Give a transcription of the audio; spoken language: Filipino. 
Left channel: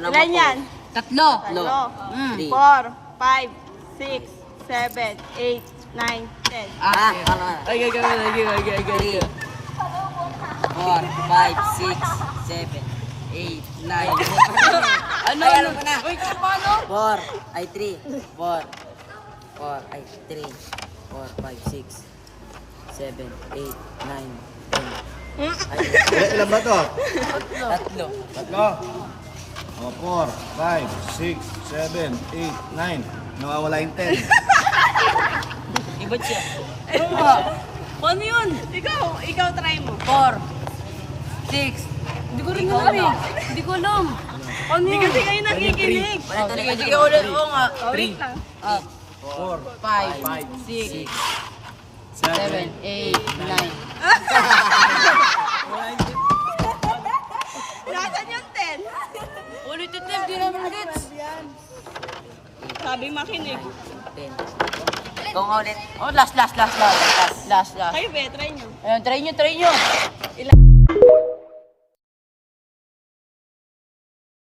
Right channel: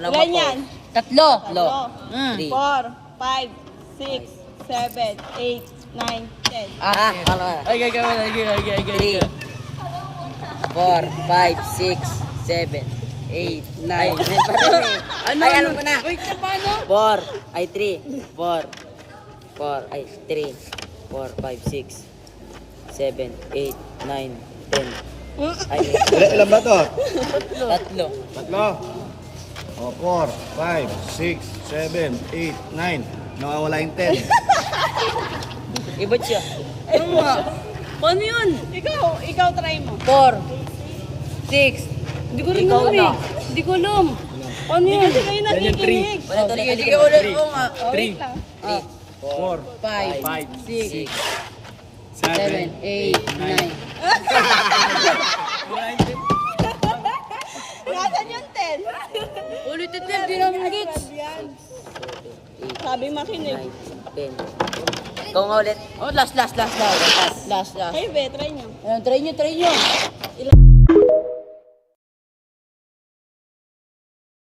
Ilan yan? Tatlo. Tatlo. 4, 5, 6, 7, 8, 9, 10. Ah, Ay. 3, 4, 5, 6, 7, 8, 9. Ano? Ay, alam ko na. Wait, paano? 4, ay 3, 4, 4, ay 3, 4, 5, 6, 7, 8, 9, 10. Ay, Ilan ba to? tatlo. Tatlo. O, 4, 5, 6, 7, 8, 9. Nawawala yung 10. Ibot siya. Ano nga? Paano yun? Ikaw try mo. 4, 6. Hindi ko rin Ikaw alam na. eh. Hindi ko alam. Paano yun? Kasi kayo nakikinig. Sige, ulit ko nga. 3, 4, 5, 6, 7, 8, 9. Nasaan yung 10? Ulit ito, hindi namin gets. Sabi makinig. 10. Ikaw nga ulit. Oh, last. Kayo be, try nyo. Ayun, try nyo.